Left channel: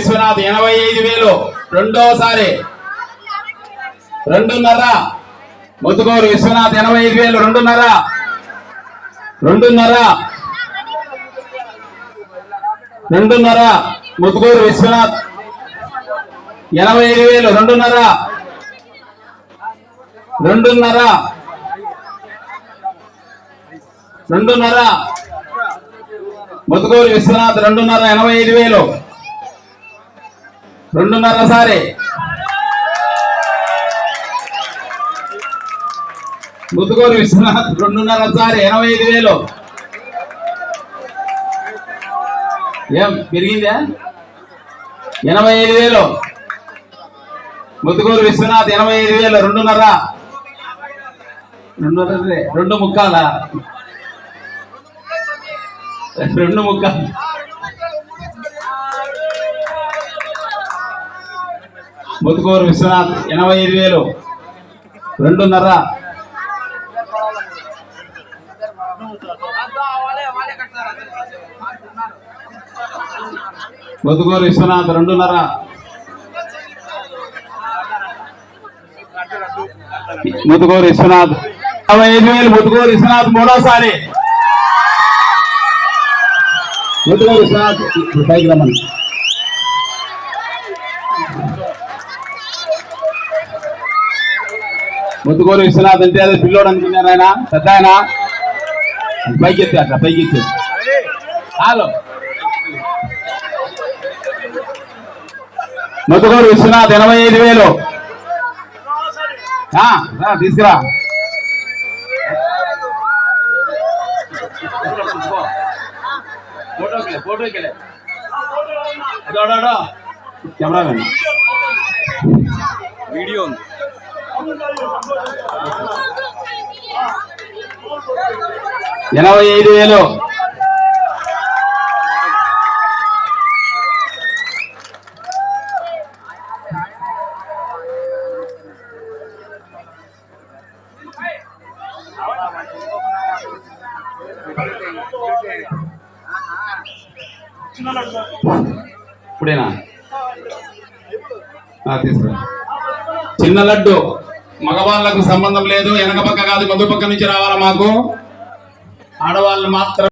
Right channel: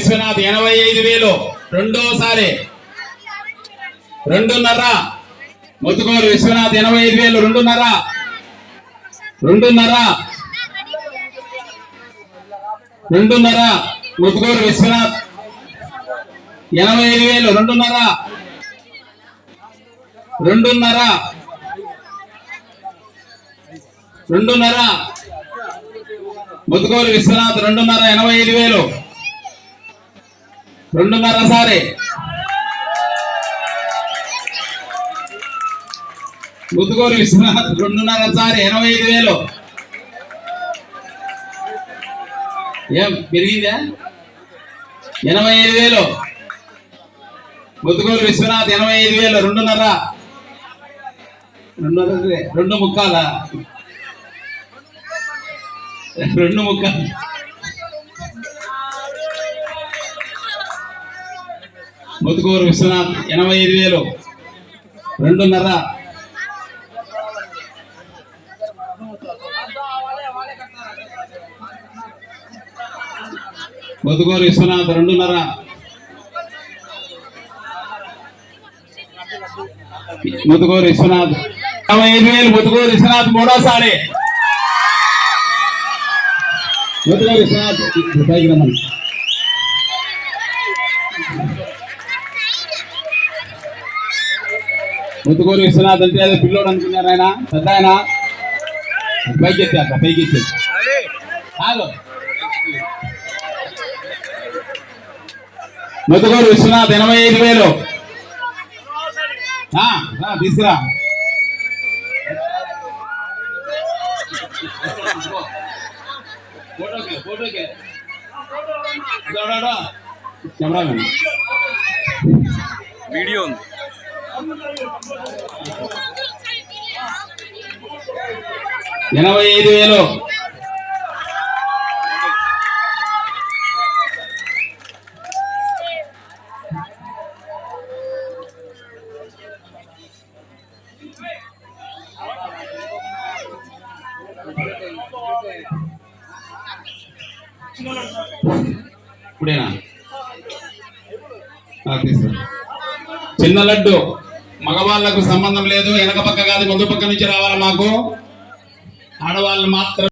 విశ్వనాథ్ ఎనభై ఐదు వేలు. రెండోసారి. రెండున్నర. ముత్తుకూరు విశ్వనాథ్ ఎనభై ఐదు వేలు. రెండున్నర. రెండున్నర. రెండున్నర. ముత్తుకూరు విశ్వనాథ్ ఎనభై ఐదు వేలు. రెండున్నర. రెండున్నర. రెండున్నర. ముత్తుకూరు విశ్వనాథ్ రెండున్నర ఎనభై ఐదు వేలు. రెండున్నర సారి. ముతుగోరు విశ్వనాథ్ రెండున్నర సారి ఎనభై ఐదు వేలు. ఏం పెరిగిందా? ఎనభై ఐదు వేలు. ముతుగోరు విశ్వనాథ్ ఎనభై ఐదు వేలు రెండున్నర. రెండున్నర రెండు ముక్కాల? రెండు ముక్కాలు. ముత్తుకూరు విశ్వనాథ్ ఎనభై ఐదు వేలు. రెండున్నర. ముత్తుకూరు విశ్వనాథ్ రెండున్నర. ముత్తుకూరు విశ్వనాథ్ యాభై ఐదు వేలు. ముత్తుకూరు విశ్వనాథ్ మూడోసారి. ముత్తుకూరు విశ్వనాథ్ పైకి రమ్మని. ముత్తుకూరు విశ్వనాథ్ అంటే అదే పిల్లోడు అనుకున్నారు ఆయన. పెద్ద ఆయన. పైకి ఎత్తే అట్లా పైకి ఎత్తే హలో ముత్తుకూరు విశ్వనాథ్ ఎనభై ఐదు వేలు. తీసుకురా. ఫోటోకి ఫోటోకి కెమెరా వీడియో ఉంది. ఎనభై ఐదు వేలు. ఇప్పుడేనా? ఆ, తీసుకురా. చిన్న లడ్డు. మగవాళ్ళకు సంబంధం లేదు వెనక పక్క కాదు ముందు పక్క నుంచి రావాలా మాకు? ఆడవాళ్ళు మాత్రం